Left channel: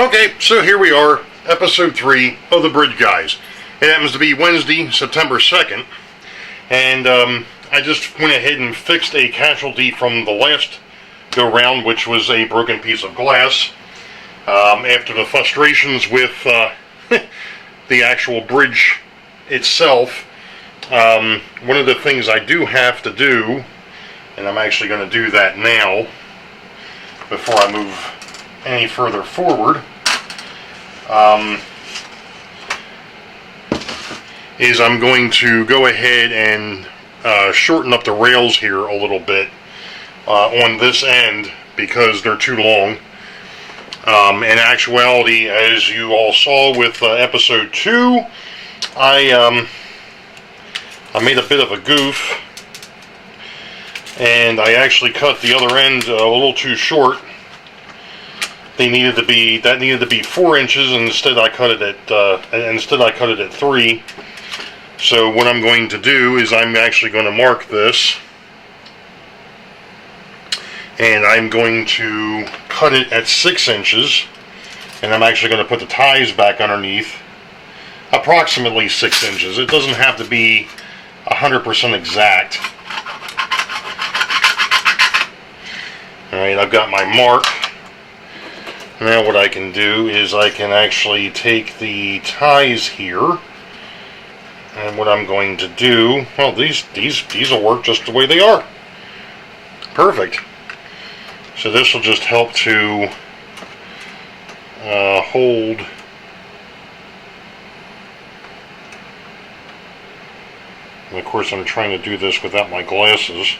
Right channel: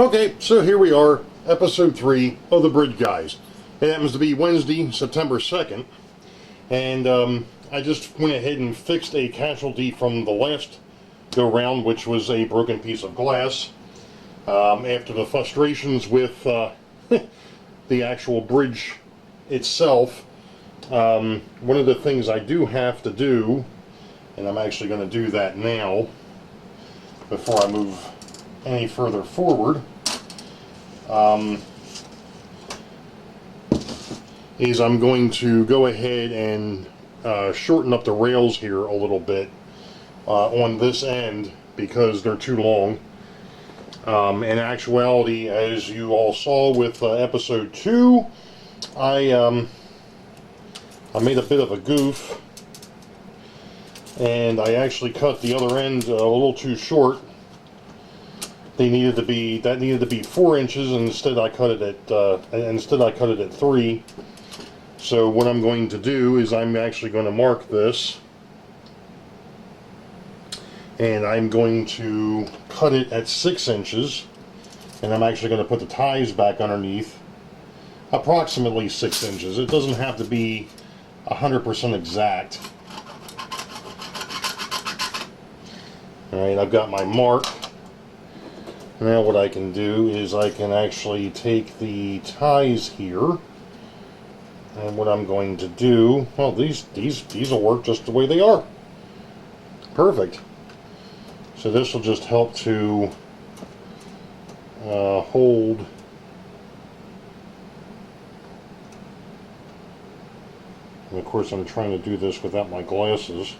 Okay, so here we are, episode 3 of the Bridge Guys. It happens to be Wednesday, September 2nd, and I just went ahead and fixed a casualty from the last go-round, which was a broken piece of glass. After the frustrations with the actual bridge itself, one of the things I do have to do, and I'm actually going to do that now, before I move any further forward, is I'm going to go ahead and shorten up the rails here a little bit on this end because they're too long. In actuality, as you all saw with episode 2, I made a bit of a goof, and I actually cut the other end a little too short. That needed to be 4 inches, and instead I cut it at 3. So what I'm going to do is I'm actually going to mark this, and I'm going to cut it at 6 inches, and I'm actually going to put the ties back underneath approximately 6 inches. It doesn't have to be 100% exact. Alright, I've got my mark. Now what I can do is I can actually take the ties here, and what I'm going to do, well, these will work just the way they are. Perfect. So this will just help to hold and of course I'm trying to do this without my glasses,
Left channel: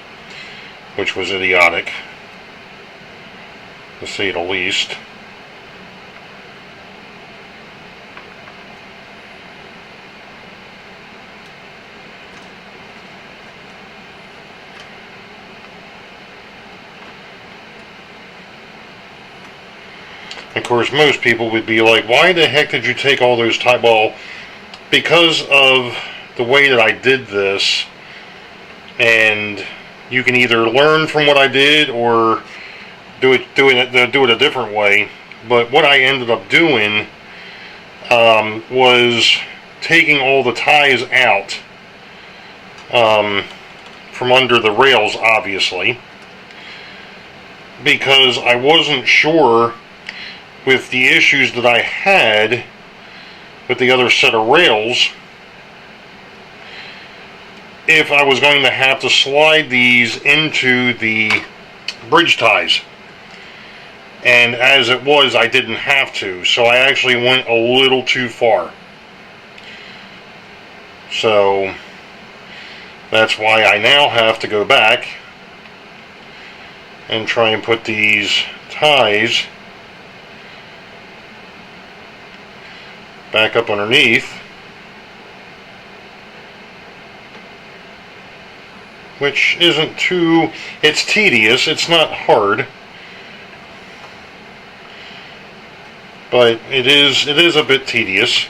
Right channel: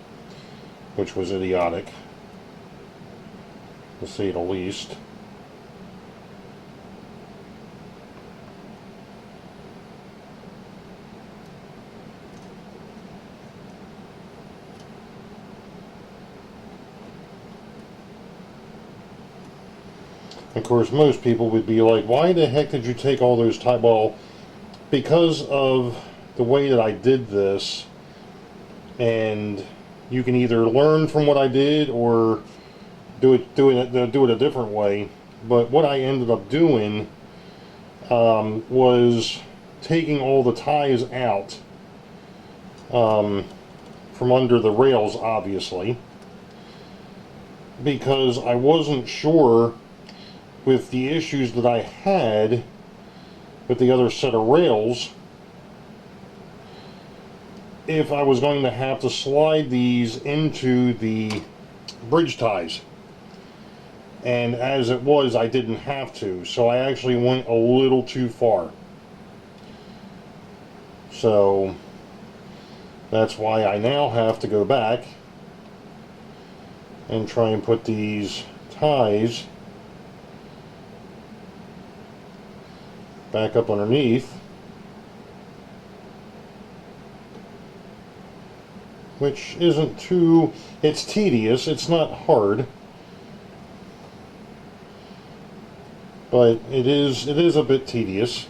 which was idiotic, to say the least. Of course, most people would be like, why the heck did you take all those ties? Well, because of the way that I did this, and you can either learn from what I did or do it a different way. But what I ended up doing was taking all the ties out from under the rails, obviously, because I wasn't sure with the issues that I had with the other set of rails if I was going to have to slide these into the bridge ties. And as it was, I didn't have to, so I actually went a little too far. So that's why I now have to go back and try and put these ties back up underneath, which isn't too, it's tedious, it's not hard, but it is a bit tedious.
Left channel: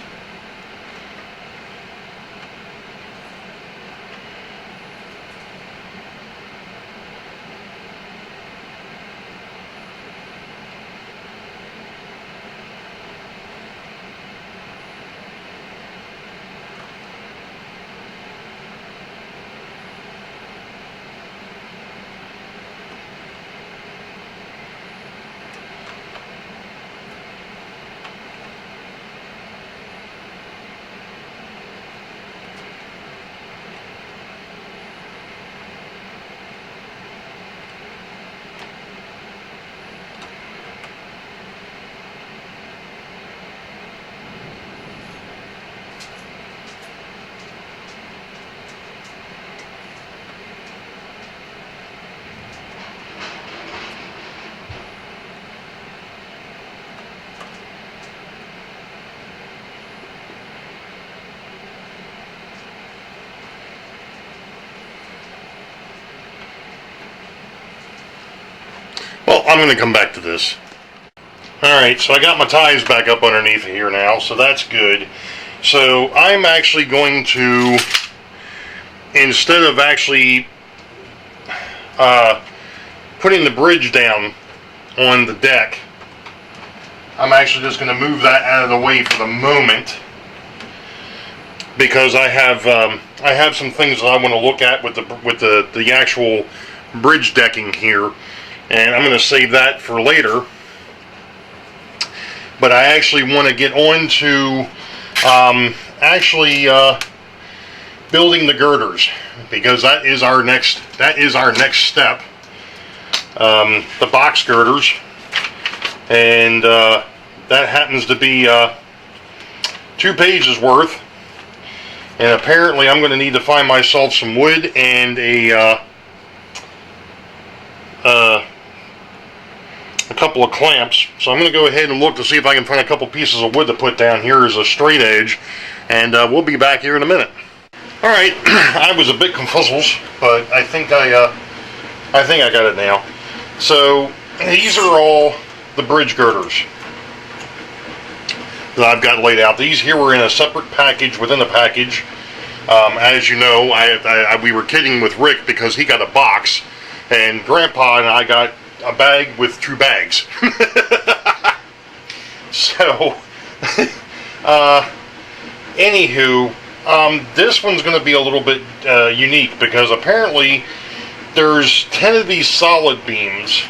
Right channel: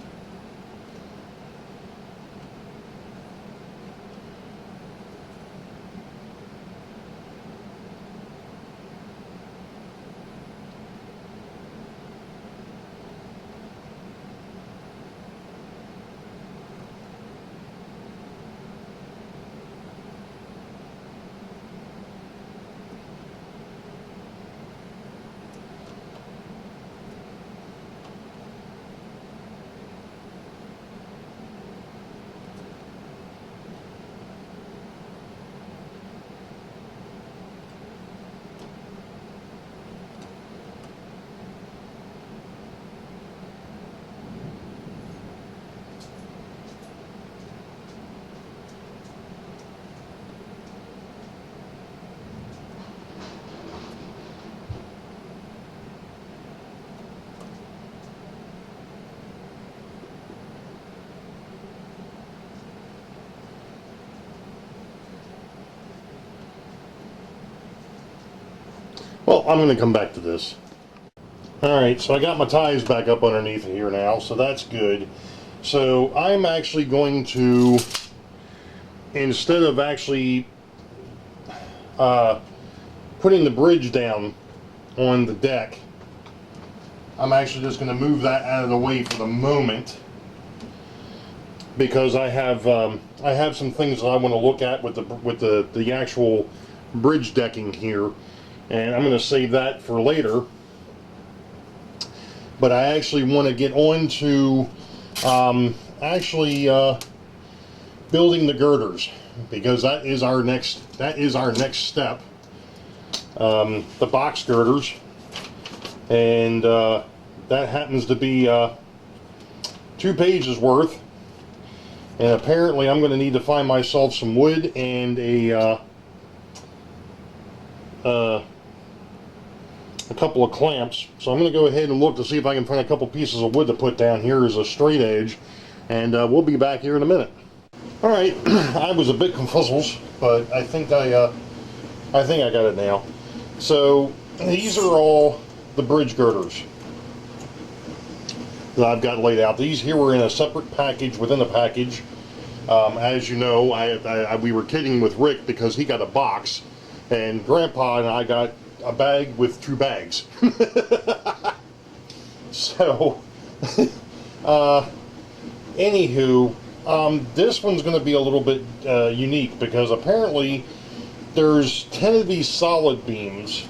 Well, I'm going to come back to this. Alright, so I got my ties back up underneath here now, so that's good. So I'm actually going to, instead of actually putting the bridge down on the deck, I'm actually just going to move that out of the way for the moment, because I have some things that I want to look at with the actual bridge decking here, and I'm going to save that for later. But I actually want to get on to building the girders, because that is our next step. The box girders, and that happens to be 2 pages worth. And apparently I'm going to need to find myself some wood and a couple of clamps. So I'm going to go ahead and look to see if I can find a couple pieces of wood to put down here as a straight edge, and we'll be back here in a minute. Alright, I was a bit confuzzled, but I think I got it now. So these are all the bridge girders that I've got laid out. These here were in a separate package within a package. As you know, we were kidding with Rick because he got a box, and Grandpa and I got a bag with 2 bags. So, anywho, this one's going to be a little bit unique, because apparently there's 10 of these solid beams,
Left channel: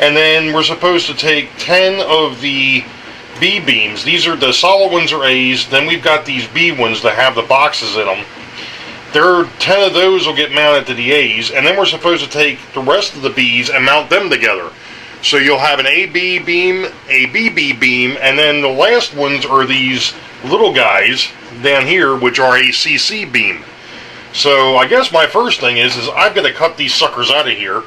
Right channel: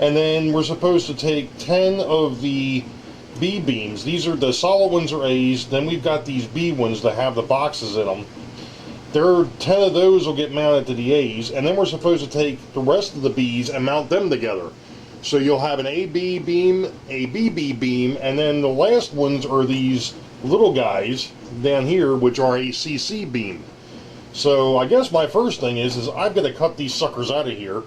and then we're supposed to take 10 of the B beams. These are the solid ones are A's, then we've got these B ones that have the boxes in them. 10 of those will get mounted to the A's, and then we're supposed to take the rest of the B's and mount them together. So you'll have an AB beam, a BB beam, and then the last ones are these little guys down here, which are a CC beam. So I guess my first thing is I've got to cut these suckers out of here,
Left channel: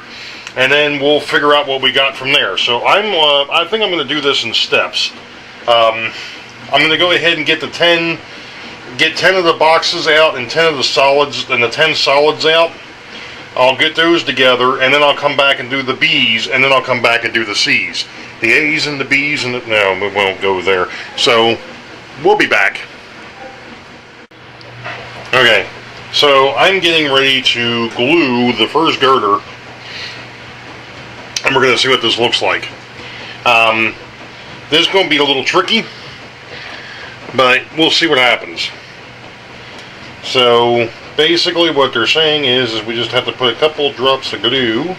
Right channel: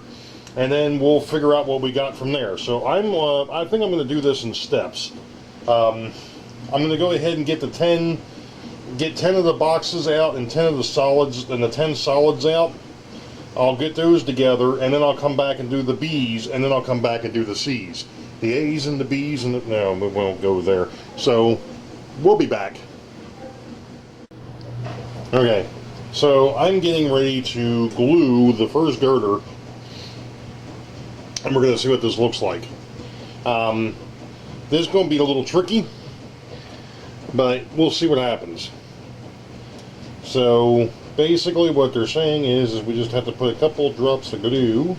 and then we'll figure out what we got from there. So I think I'm going to do this in steps. I'm going to go ahead and get 10 of the boxes out and 10 of the solids, and the 10 solids out. I'll get those together, and then I'll come back and do the B's, and then I'll come back and do the C's. The A's and the B's, and no, we won't go there. So we'll be back. Okay, so I'm getting ready to glue the first girder, and we're going to see what this looks like. This is going to be a little tricky, but we'll see what happens. So basically what they're saying is we just have to put a couple drops of glue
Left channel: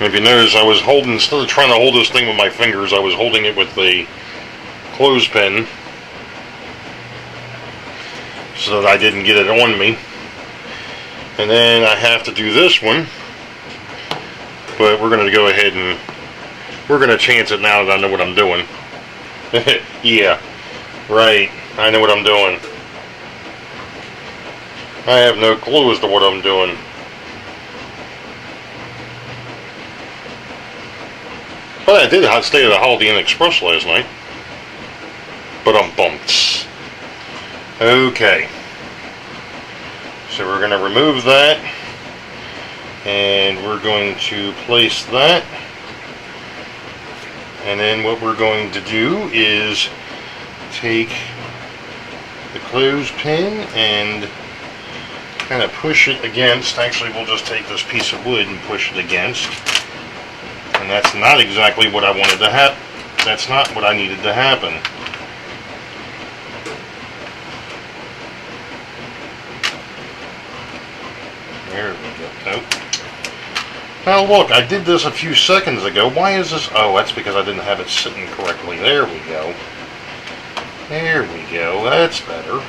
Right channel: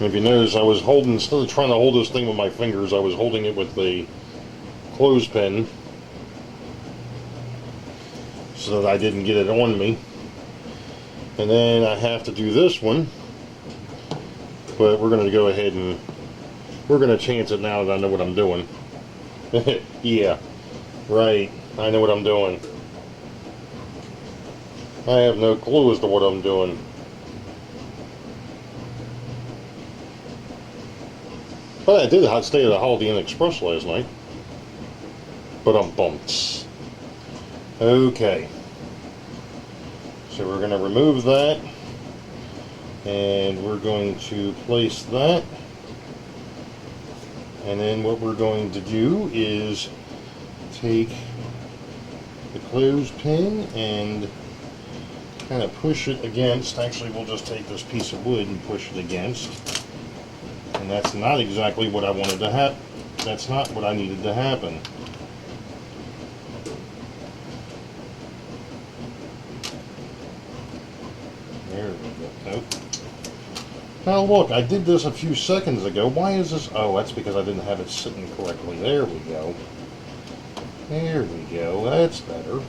if you notice, I was holding, instead of trying to hold this thing with my fingers, I was holding it with the clothespin so that I didn't get it on me. And then I have to do this one, but we're going to go ahead and we're going to chance it now that I know what I'm doing. Yeah, right, I know what I'm doing. I have no clue as to what I'm doing. But I did stay at the Holiday Inn Express last night. But I'm bumped. Okay. So we're going to remove that. And we're going to place that. And then what we're going to do is take the clothespin and kind of push it against. Actually, we'll just take this piece of wood and push it against. And that's not exactly what I wanted to happen. That's not what I needed to happen. There we go. Nope. Now look, I did this a few seconds ago. Why is this? Oh, that's because I didn't have it sitting correctly. There we go. There we go. That's better.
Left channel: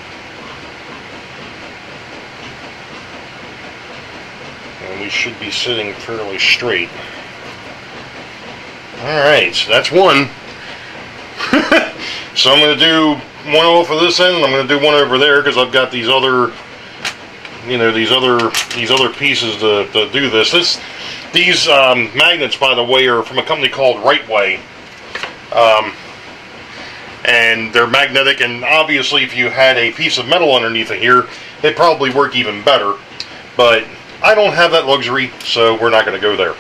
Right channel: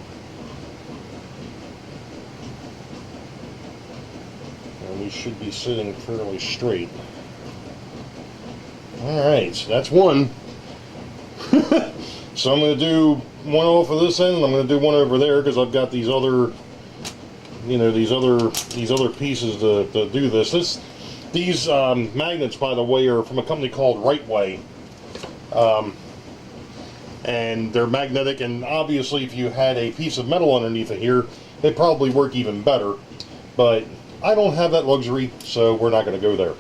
And we should be sitting fairly straight. Alright, so that's one. So I'm going to do one off of this end, and I'm going to do one over there because I've got these other, you know, these other pieces to do this. These magnets, by the way, are from a company called Right Way. And they're magnetic, and obviously if you had a piece of metal underneath it here, it'd probably work even better. But I don't have that luxury, so we're not going to go there.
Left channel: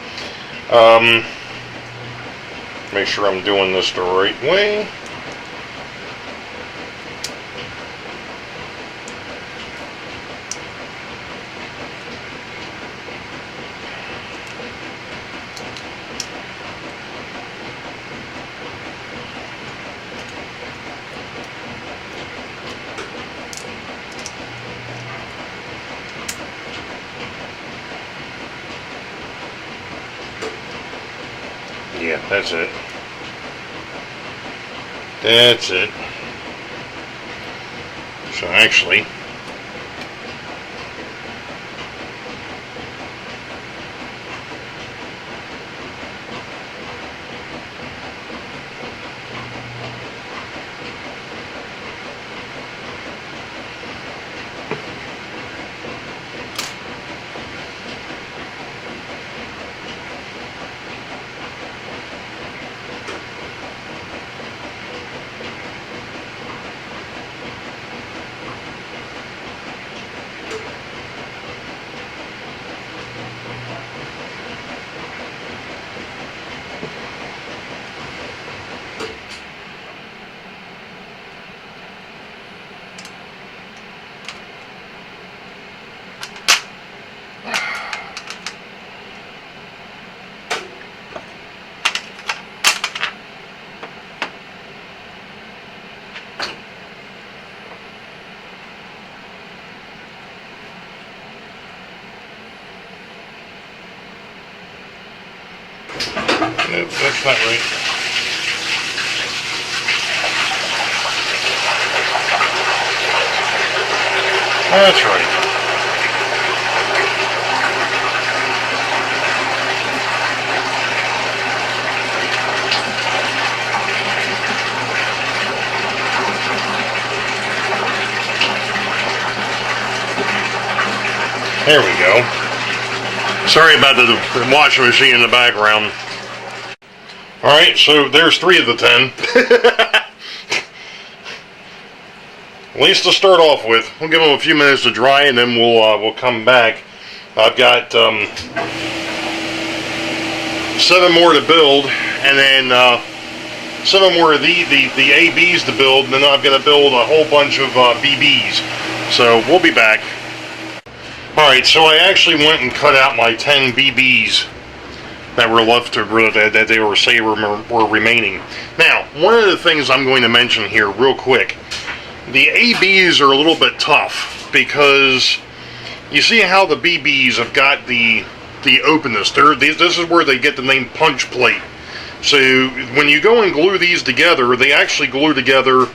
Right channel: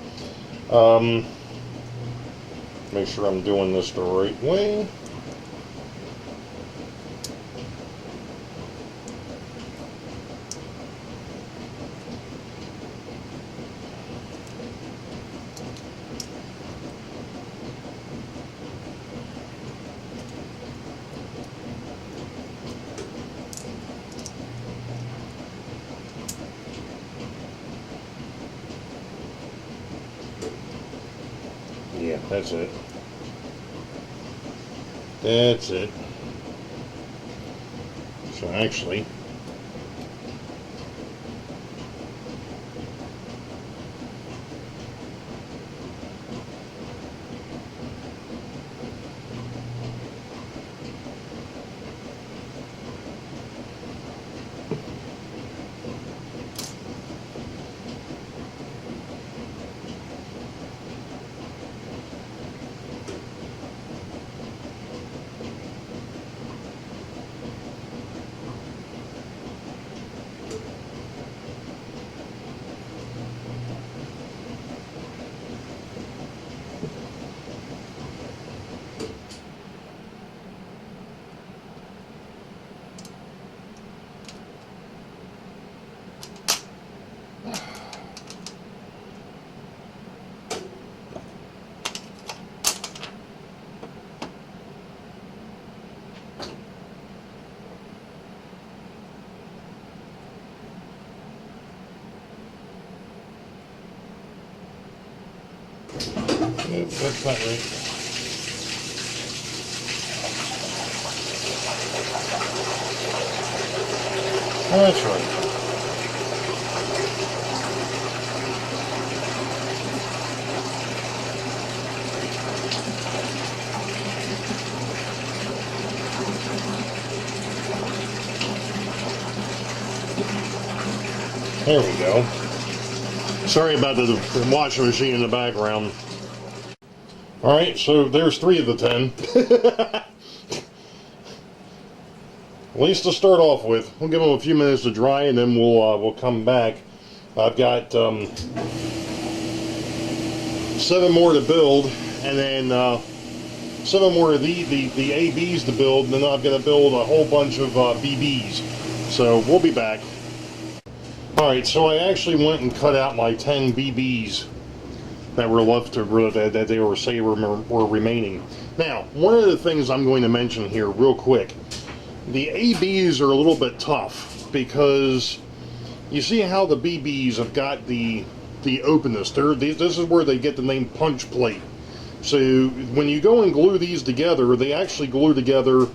Make sure I'm doing this the right way. That's it. That's it. So actually, nope, that's not right. That's right. There we go. Sorry about the washing machine in the background. Alright, so there's 3 of the 10. At least to start off with. We'll give them a few minutes to dry and then we'll come back. I've got 7 more to build, and then 7 more of the ABs to build, and then I've got to build a whole bunch of BBs. So we'll be back. Alright, so I actually went and cut out my 10 BBs that were left to that they were were remaining. Now, one of the things I'm going to mention here real quick, the ABs are a little bit tough because you see how the BBs have got the openness. This is where they get the name punch plate. So when you go and glue these together, they actually glue together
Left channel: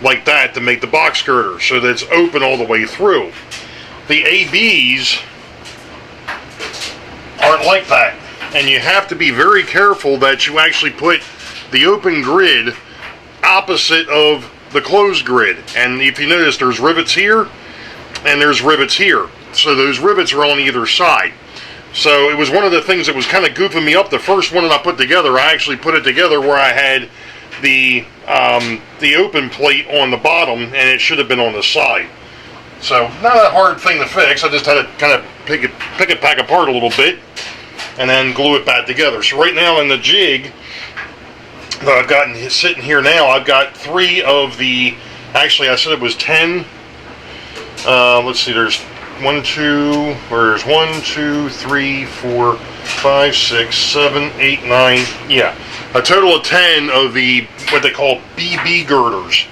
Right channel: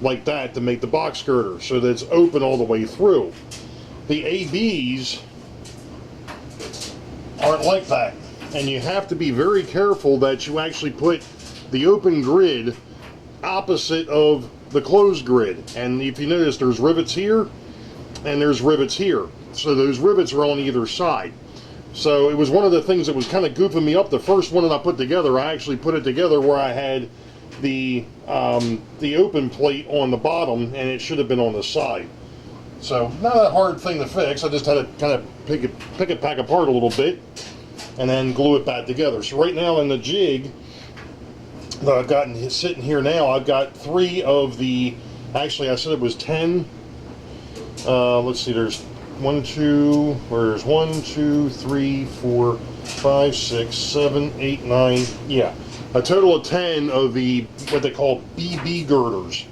like that to make the box girder so that it's open all the way through. The ABs aren't like that, and you have to be very careful that you actually put the open grid opposite of the closed grid. And if you notice, there's rivets here and there's rivets here, so those rivets are on either side. So it was one of the things that was kind of goofing me up. The first one that I put together, I actually put it together where I had the open plate on the bottom, and it should have been on the side. So not a hard thing to fix. I just had to kind of pick it back apart a little bit and then glue it back together. So right now in the jig that I've got sitting here now, I've got 3 of the, actually I said it was 10. Let's see, there's 1, 2, there's 1, 2, 3, 4, 5, 6, 7, 8, 9, yeah. A total of 10 of the, what they call BB girders.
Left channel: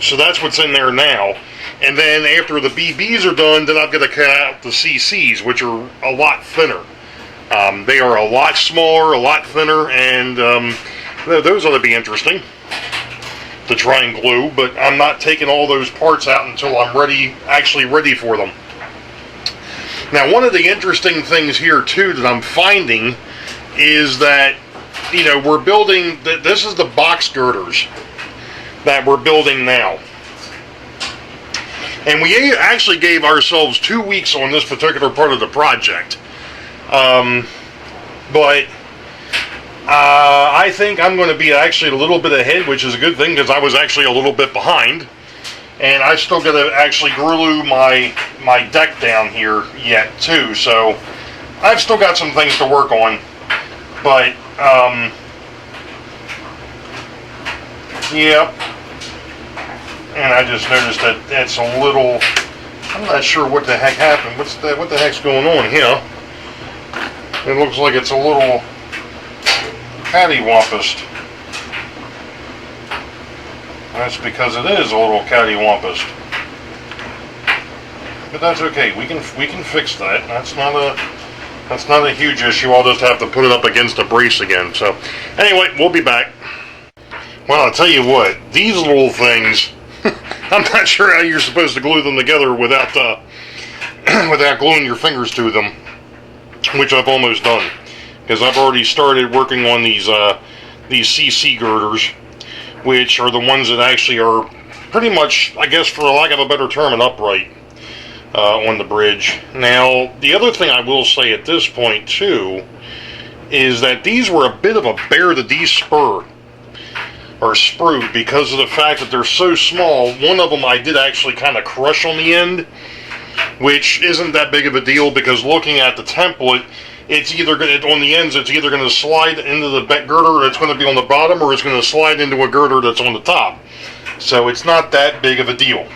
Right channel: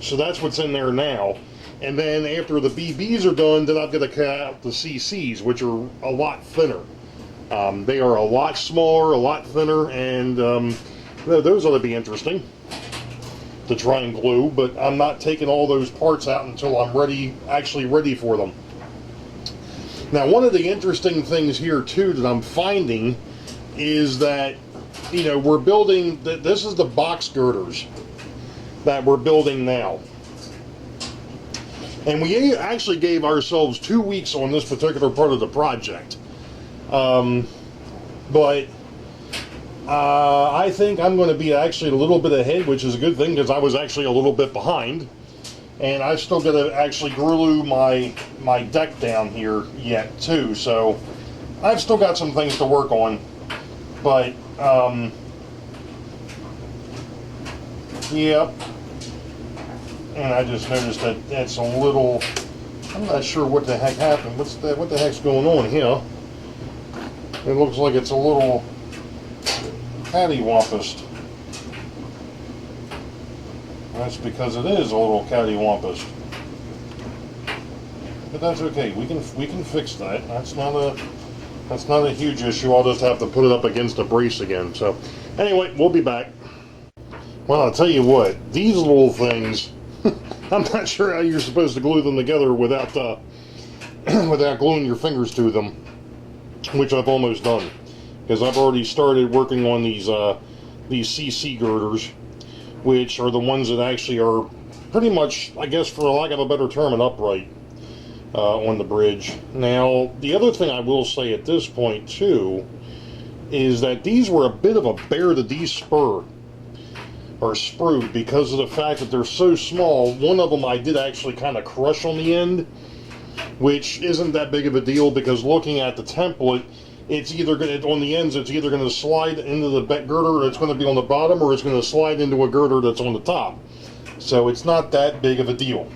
So that's what's in there now. And then after the BBs are done, then I've got to cut out the CCs, which are a lot thinner. They are a lot smaller, a lot thinner, and those ought to be interesting to try and glue, but I'm not taking all those parts out until I'm actually ready for them. Now, one of the interesting things here too that I'm finding is that, you know, we're building, this is the box girders that we're building now. And we actually gave ourselves 2 weeks on this particular part of the project. But I think I'm going to be actually a little bit ahead, which is a good thing because I was actually a little bit behind. And I still got to actually glue my deck down here yet too. So I've still got some things to work on. But, yep. And I just noticed that it's a little, I'm not sure what the heck happened. What the heck's going on here? It looks like it's a little cattywampus. That's because it is a little cattywampus. But that's okay. We can fix that. That's not That's not a huge issue. I'll just have to put it up against a brace again. So, anyway, we'll be back. Well, I'll tell you what, these little things, I'm not sure how you're supposed to glue them together without without gluing your fingers to them, which I've almost done, because I've already started working on these CC girders, which are the ones that actually are pretty much, I guess for lack of a better term, an upright on the bridge. Now, the other thing I will say at this point too is that these were a bit of a bear to de-spur or sprue, because of the fact that they're so small. One of them I did actually kind of crush on the end, which isn't that big of a deal, because looking at the template, it's either going to, on the ends, it's either going to slide into the girder that's going to be on the bottom, or it's going to slide into a girder that's on the top. So it's not that big of a deal.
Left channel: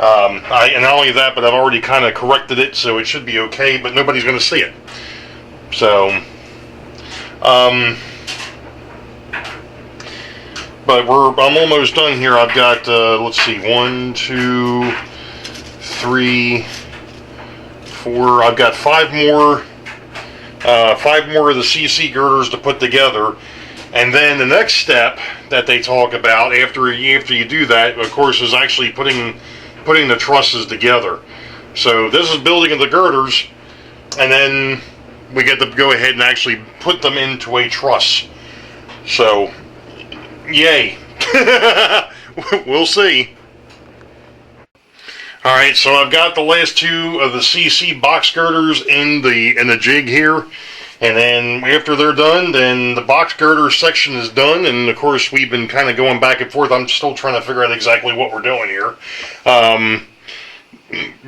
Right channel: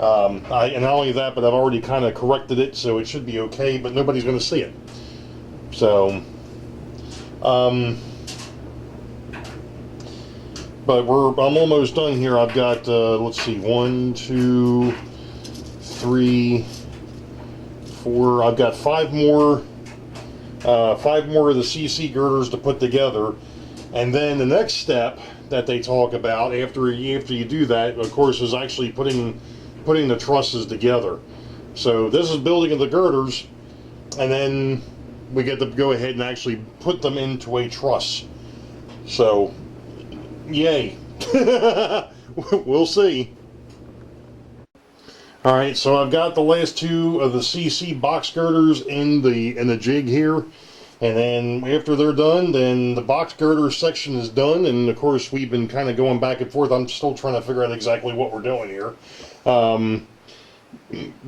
And not only that, but I've already kind of corrected it, so it should be okay, but nobody's going to see it. So, but I'm almost done here. I've got, let's see, 1, 2, 3, 4. I've got 5 more of the CC girders to put together. And then the next step that they talk about after you do that, of course, is actually putting the trusses together. So this is building of the girders, and then we get to go ahead and actually put them into a truss. So, yay. We'll see. Alright, so I've got the last 2 of the CC box girders in the jig here. And then after they're done, then the box girder section is done. And of course, we've been kind of going back and forth. I'm still trying to figure out exactly what we're doing here.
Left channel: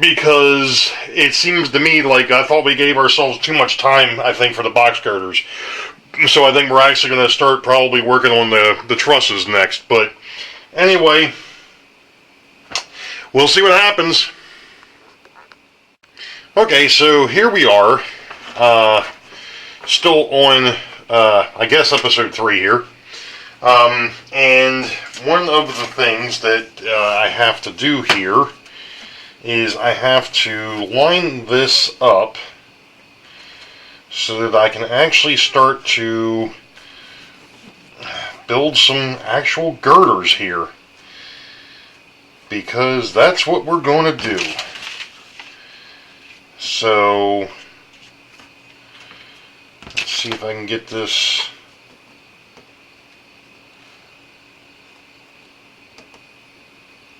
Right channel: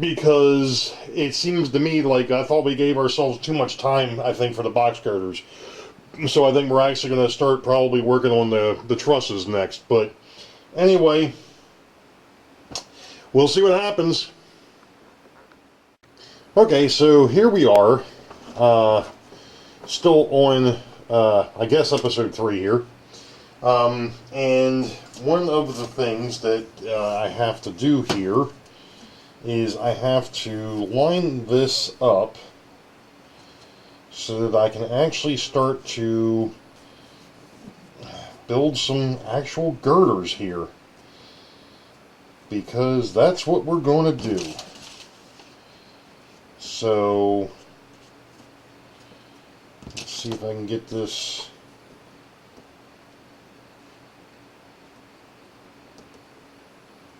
Because it seems to me like I thought we gave ourselves too much time, I think, for the box girders. So I think we're actually going to start probably working on the trusses next. But anyway, we'll see what happens. Okay, so here we are. Still on, I guess, episode 3 here. And one of the things that I have to do here is I have to line this up so that I can actually start to build some actual girders here, because that's what we're going to do. So let's see if I can get this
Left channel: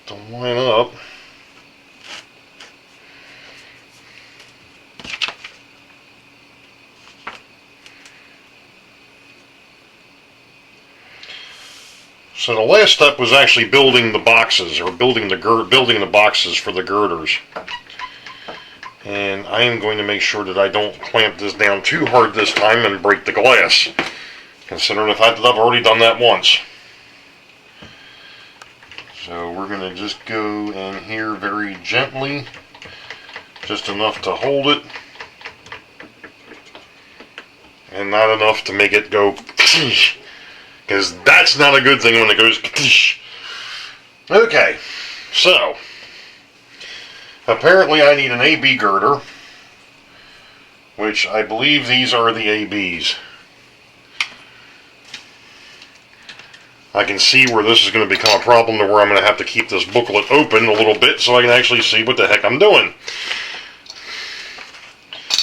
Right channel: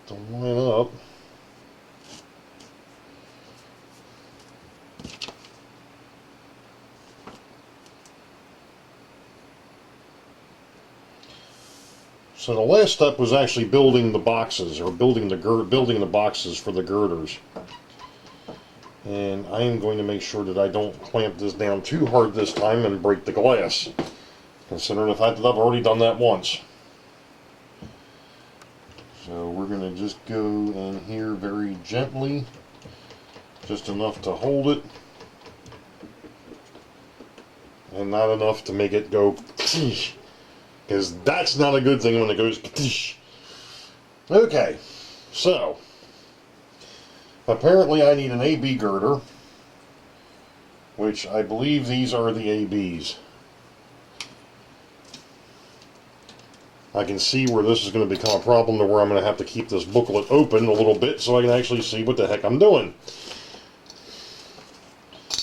to line up. So the last step was actually building the boxes, or building the boxes for the girders. And I am going to make sure that I don't clamp this down too hard this time and break the glass, considering the fact that I've already done that once. So we're going to just go in here very gently, just enough to hold it, and not enough to make it go, because that's not a good thing when it goes. Okay, so apparently I need an AB girder, which I believe these are the ABs. I can see where this is going to become a problem, to where I'm going to have to keep this booklet open a little bit so I can actually see what the heck I'm doing.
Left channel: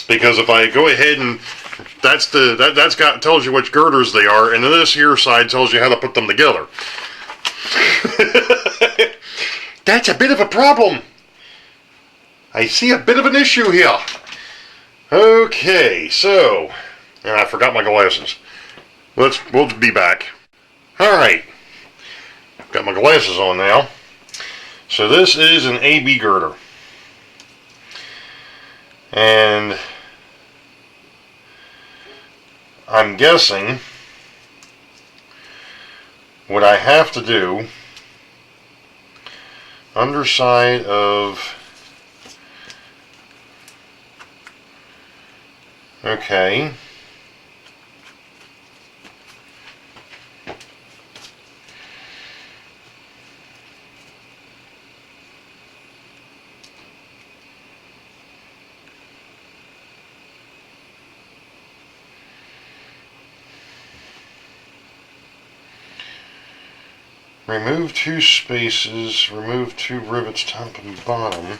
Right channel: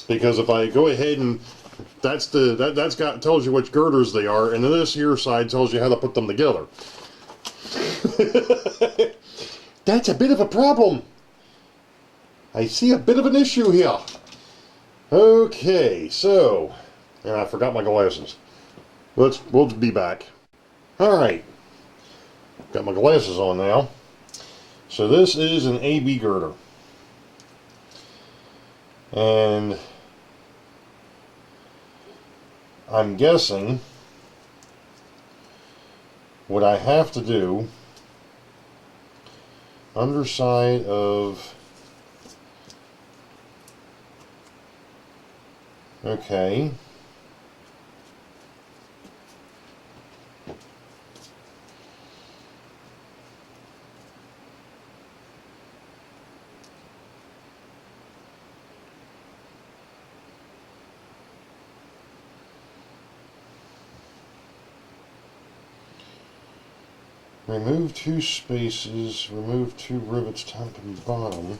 Because if I go ahead and tells you which girders they are, and then this here side tells you how to put them together. That's a bit of a problem. I see a bit of an issue here. Okay, so, and I forgot my glasses. We'll be back. Alright, got my glasses on now. So this is an AB girder. And I'm guessing what I have to do, underside of, okay, Remove 2 spaces, remove 2 rivets top and bottom.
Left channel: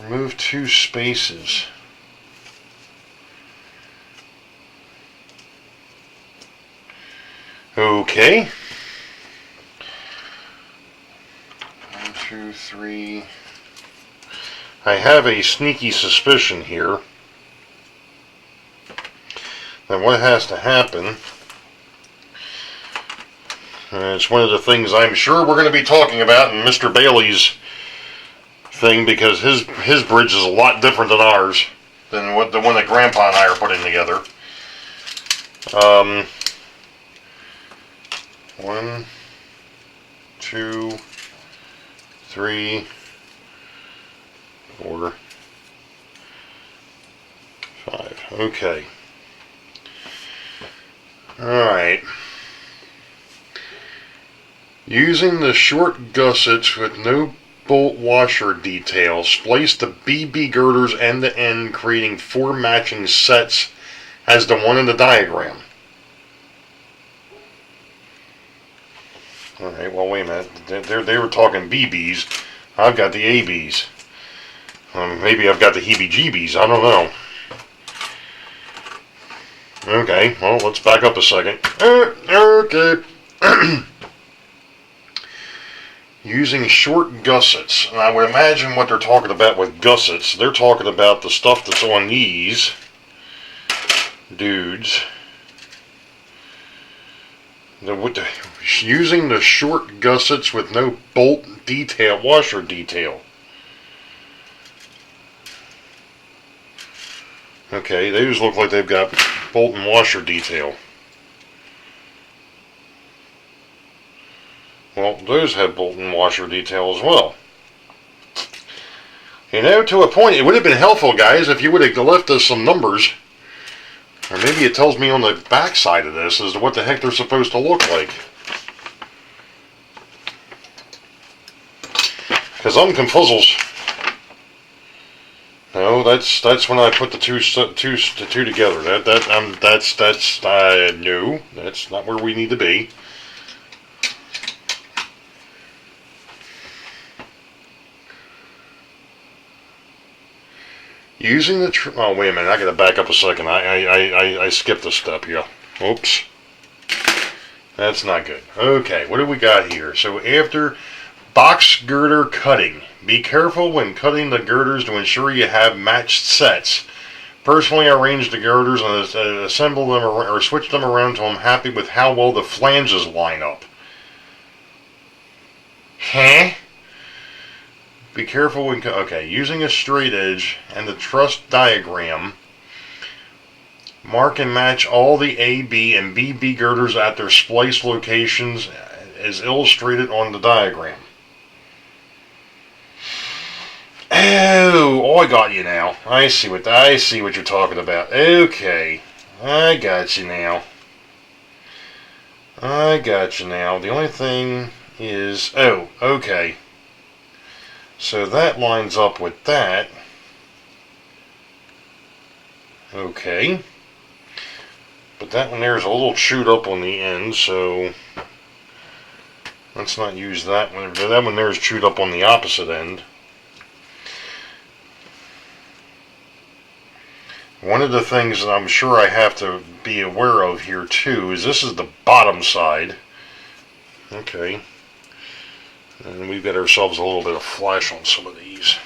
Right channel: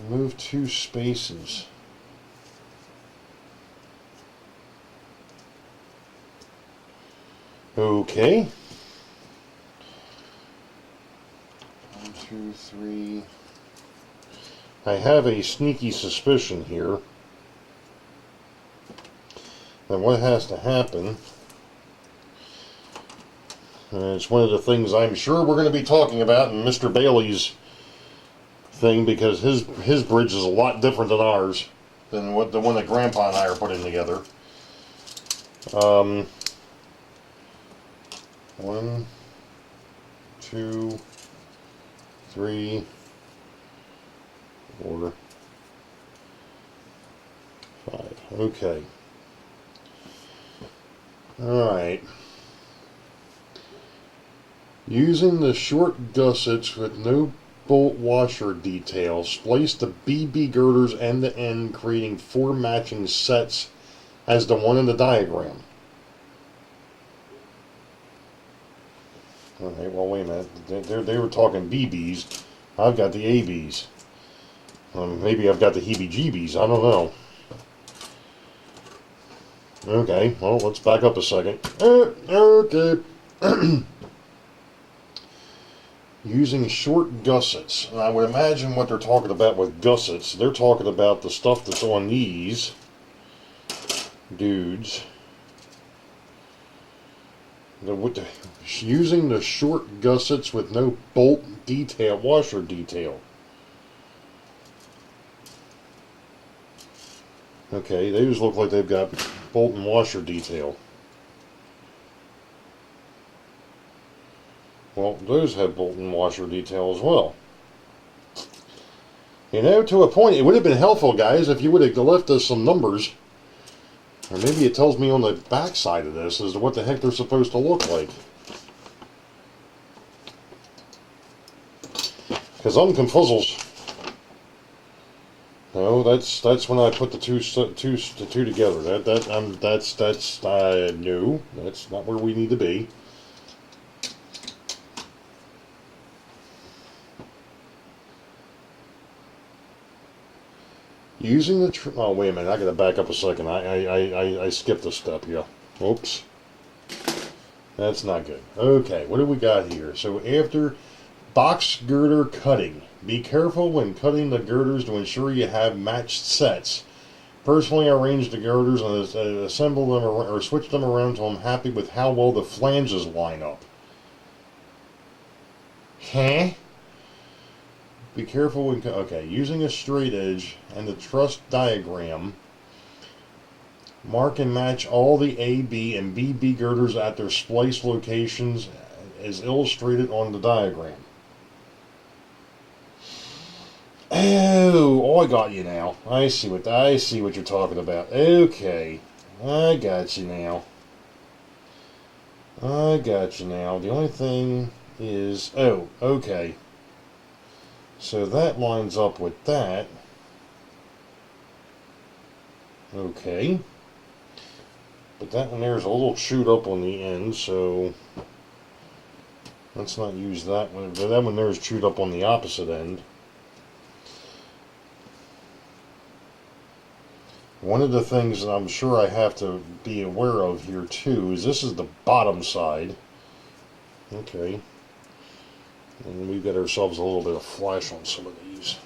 Remove 2 spaces. Okay. 1, 2, 3. I have a sneaky suspicion here that what has to happen, it's one of the things I'm sure we're going to be talking about in Mr. Bailey's thing, because his bridge is a lot different than ours, than what the one that Grandpa and I are putting together. 1, 2, 3, 4, 5. Okay. Alright. Using the short gussets with no bolt washer detail, splice the BB girders end to end, creating 4 matching sets as the one in the diagram. Alright, well, wait a minute. They were talking BBs. I've got the ABs. Maybe I've got the heebie-jeebies. I don't know. Okay, well, let's back up a second. Okay. Using short gussets. And I would imagine what they're talking about with gussets, they're talking about the stuff that's on these dudes. Using the short gussets with no bolt detail, washer detail. Okay, those look like they've got bolt and washer detail. Well, those have bolt and washer detail as well. You know, to a point, it would have been helpful, guys, if you would have left us some numbers. Or maybe it tells me on the back side of this as to what the heck they're supposed to look like. Because I'm confuzzles. No, that's when I put the two together. No, that's not where we need to be. Using the oh, wait a minute, I gotta back up a second. I skipped a step here. Oops. That's not good. Okay, what do we got here? So after box girder cutting, be careful when cutting the girders to ensure you have matched sets. Personally, I arrange the girders and assemble them or switch them around until I'm happy with how well the flanges line up. Huh? Be careful when... Okay, using a straight edge and the truss diagram, mark and match all the AB and BB girders at their splice locations as illustrated on the diagram. Oh, I got you now. I see what you're talking about. Okay, I got you now. The only thing is... Oh, okay. So that lines up with that. Okay. But that one there is a little chewed up on the end, so let's not use that one. That one there is chewed up on the opposite end. One of the things that I'm sure I have to be aware of here too is this is the bottom side. Okay. And we've got ourselves a little bit of flash on some of these.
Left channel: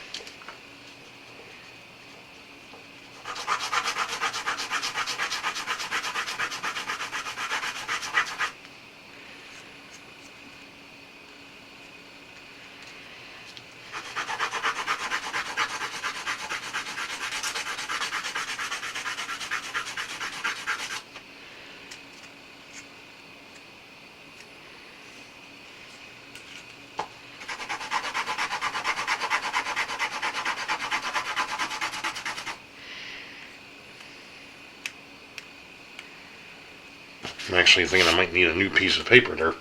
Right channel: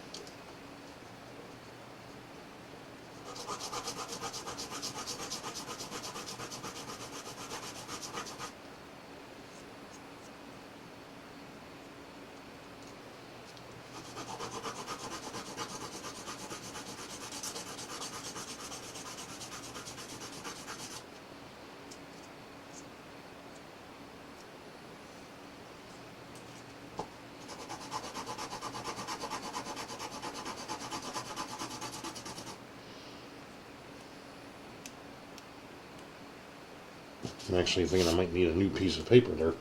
I'm actually thinking I might need a new piece of paper there.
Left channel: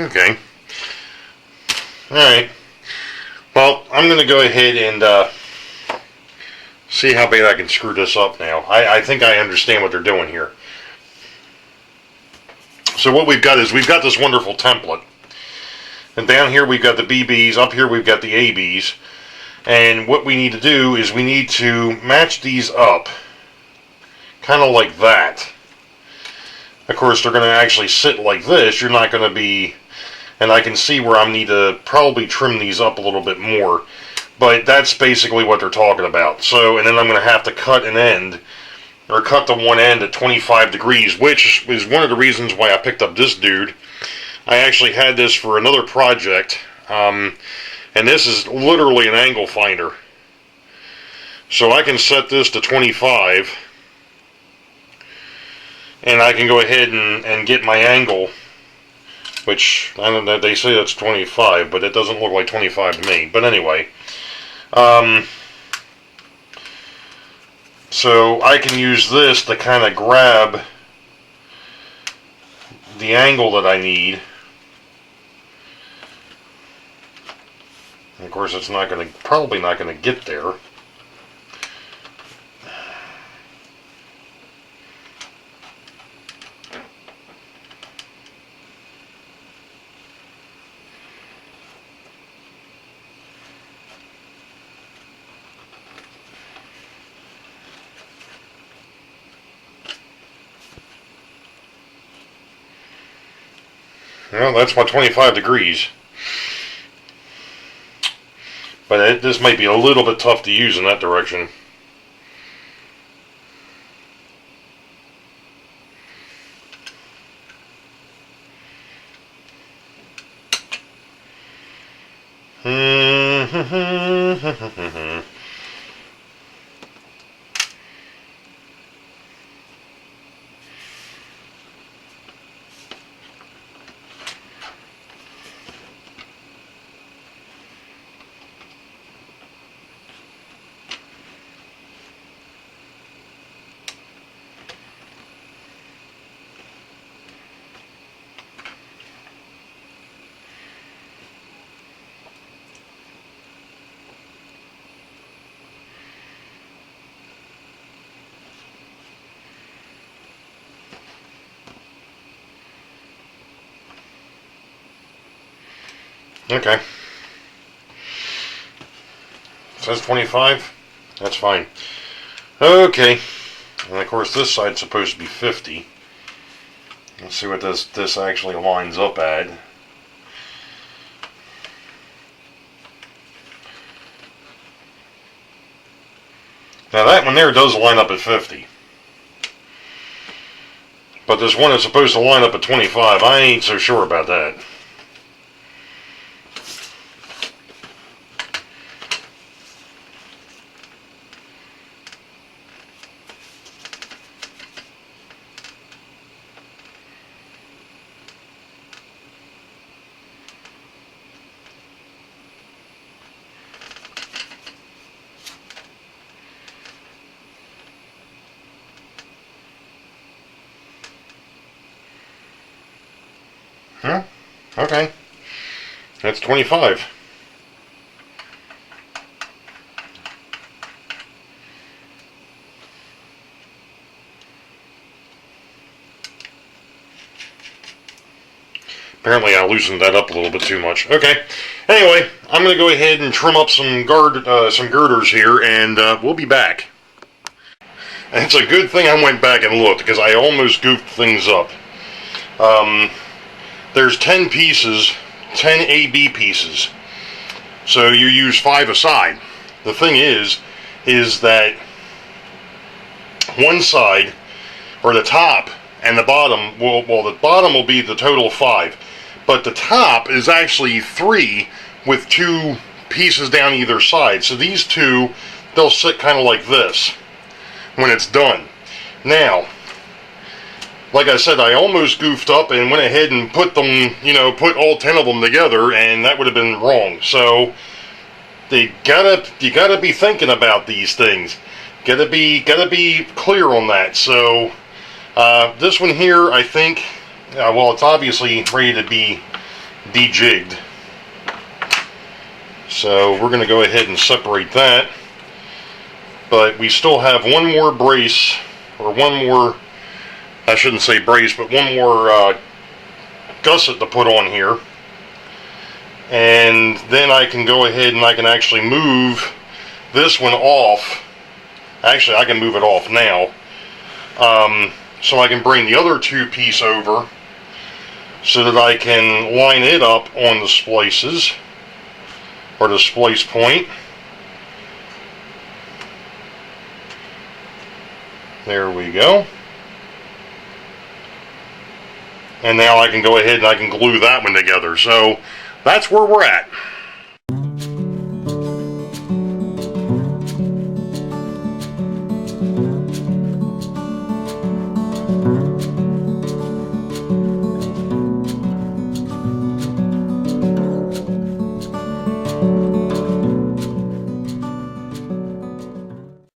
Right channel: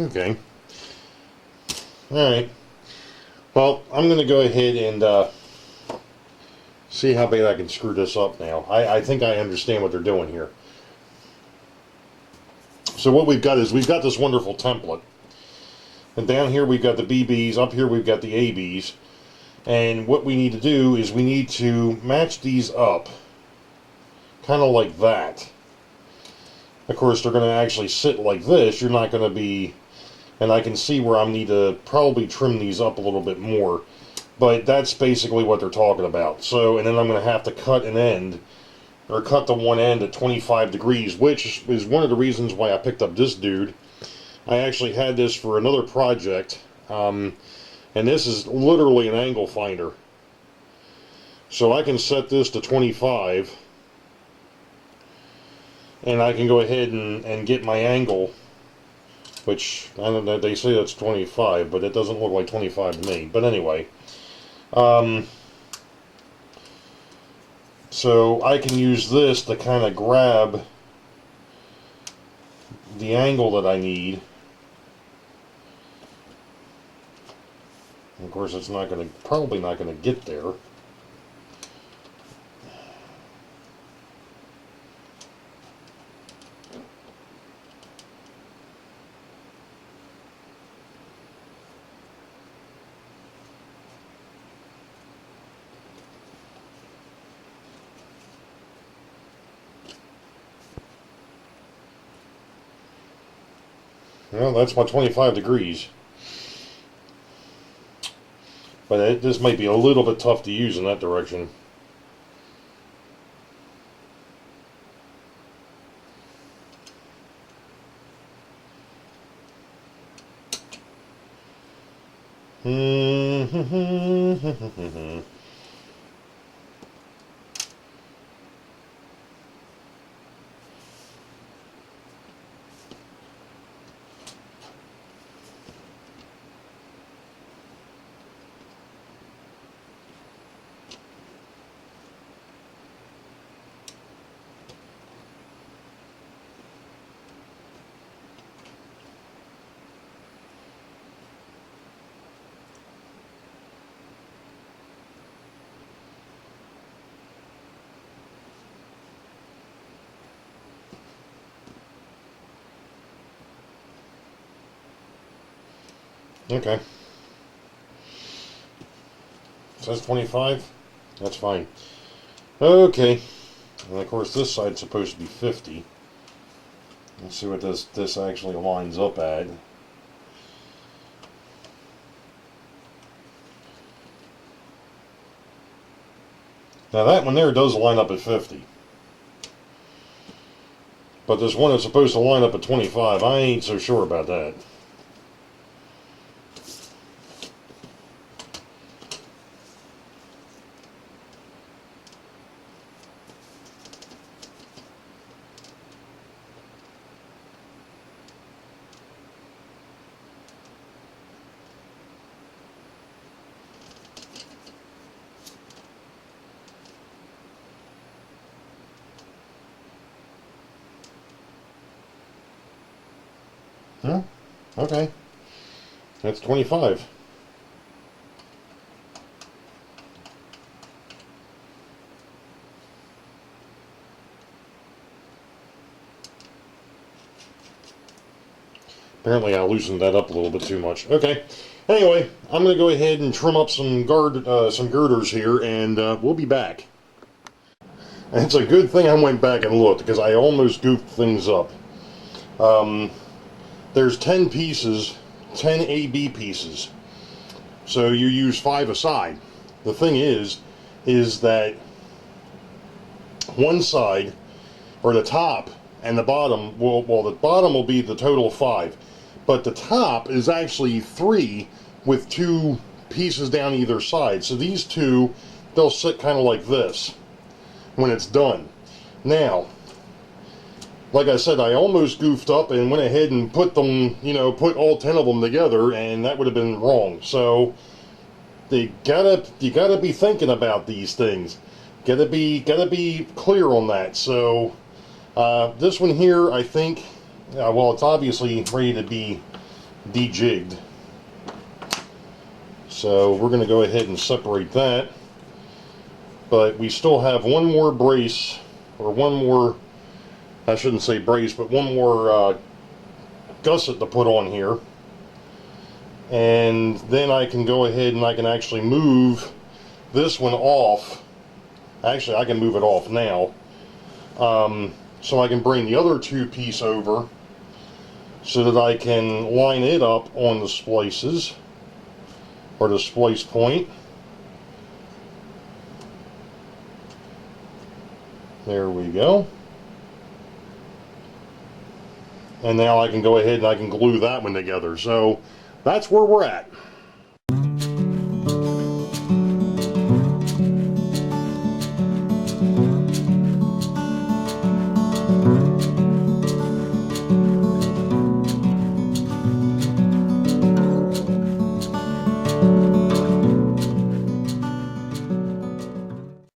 Okay. Alright. Well, I'm going to go ahead and see how bad I can screw this up now. I think I understand what they're doing here. So what we've got is we've got this wonderful template. And down here we've got the BBs, up here we've got the ABs. And what we need to do is we need to match these up. Kind of like that. Of course, they're going to actually sit like this. You're not going to be... And I can see where I need to probably trim these up a little bit more. But that's basically what they're talking about. So, and then I'm going to have to cut an end, or cut the one end at 25 degrees, which is one of the reasons why I picked up this dude. I actually had this for another project, and this is literally an angle finder. So I can set this to 25, and I can go ahead and get my angle, which, I don't know, they say that's 25, but it doesn't look like 25 to me. But anyway, so I can use this to kind of grab the angle that I need. And of course, it's not going to, probably not going to get there. Well, that's my 25 degrees. But this might be a little bit tough to use in that direction. Okay. It says 25. That's fine. Okay. And of course this side's supposed to be 50. Let's see what this actually lines up at. Now that one there does line up at 50. But this one is supposed to line up at 25. I ain't so sure about that. Huh? Okay. That's 25. Apparently I loosened that up a little bit too much. Okay. Anyway, I'm going to go ahead and trim up some girders here, and we'll be back. And it's a good thing I went back and looked, because I almost goofed things up. There's 10 pieces, 10 AB pieces. So you use 5 a side. The thing is that one side, or the top and the bottom, well, the bottom will be the total of 5. But the top is actually 3 with 2 pieces down either side. So these two, they'll sit kind of like this when it's done. Now, like I said, I almost goofed up and went ahead and put them, put all 10 of them together, and that would have been wrong. So you gotta be thinking about these things. Gotta be clear on that. So this one here, I think, well, it's obviously ready to be de-jigged. So we're going to go ahead and separate that. But we still have one more brace, or one more, I shouldn't say brace, but one more gusset to put on here. And then I can go ahead and I can actually move this one off. Actually, I can move it off now. So I can bring the other two piece over so that I can line it up on the splices, or the splice point. There we go. And now I can go ahead and I can glue that one together. So that's where we're at.